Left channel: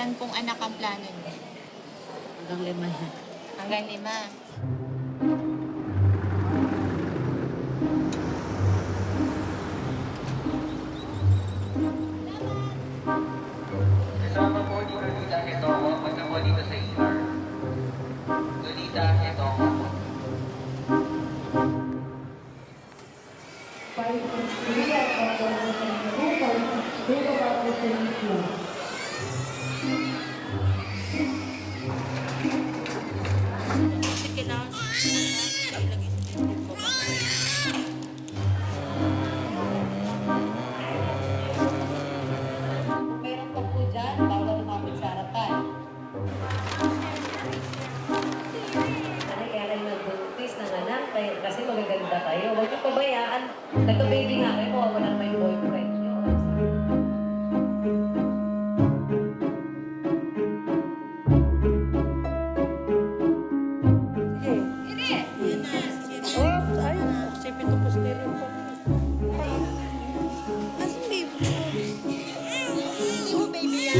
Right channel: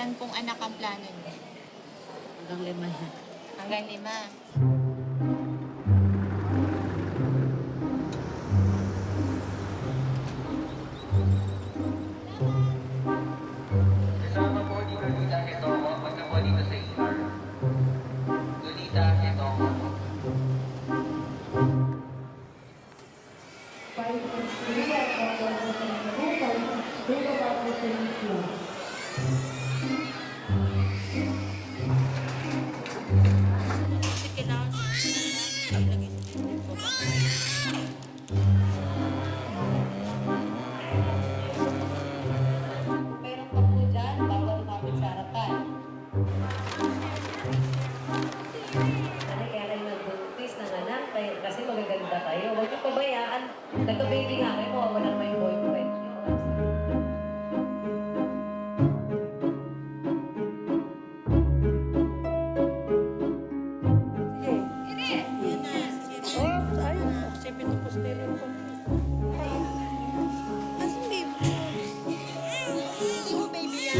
Ilan pong anak ang plano niyo? Hanggang 5 na. Hanggang 5. Kasama po ni Lolita Hetongo, punta po dito sa ER. Lolita Hetongo. Kasi kailangan paglagay sa pinto ko ba? Kung meron pa po dyan, bawal lumapit sa harapan. Kaya kayo nagbuntis ng anak, kasi magaganda kayo. Huwag niyo pabayaan. Nagka-baby nga kayo, mawawala naman yung boyfriend niyo. Oh, ay, sipin to posterior pa. Asan baby mo? Hindi mo baby yan?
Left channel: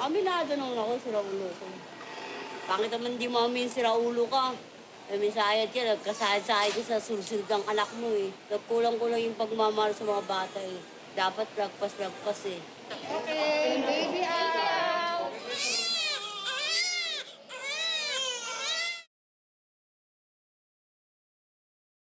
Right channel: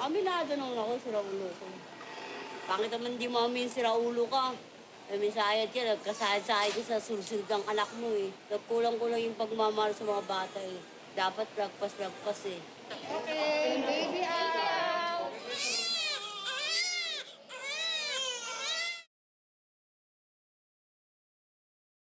Aminado naman ako, siraulo ko. Pangit naman di mo amin siraulo ka. Misayad ka, nagkasayad-sayad ka sa sursunod ng anak mo eh. Nagkulang-kulang yung pagmamahal sa mga bata eh. Dapat lagpas-lagpas eh. Okay, baby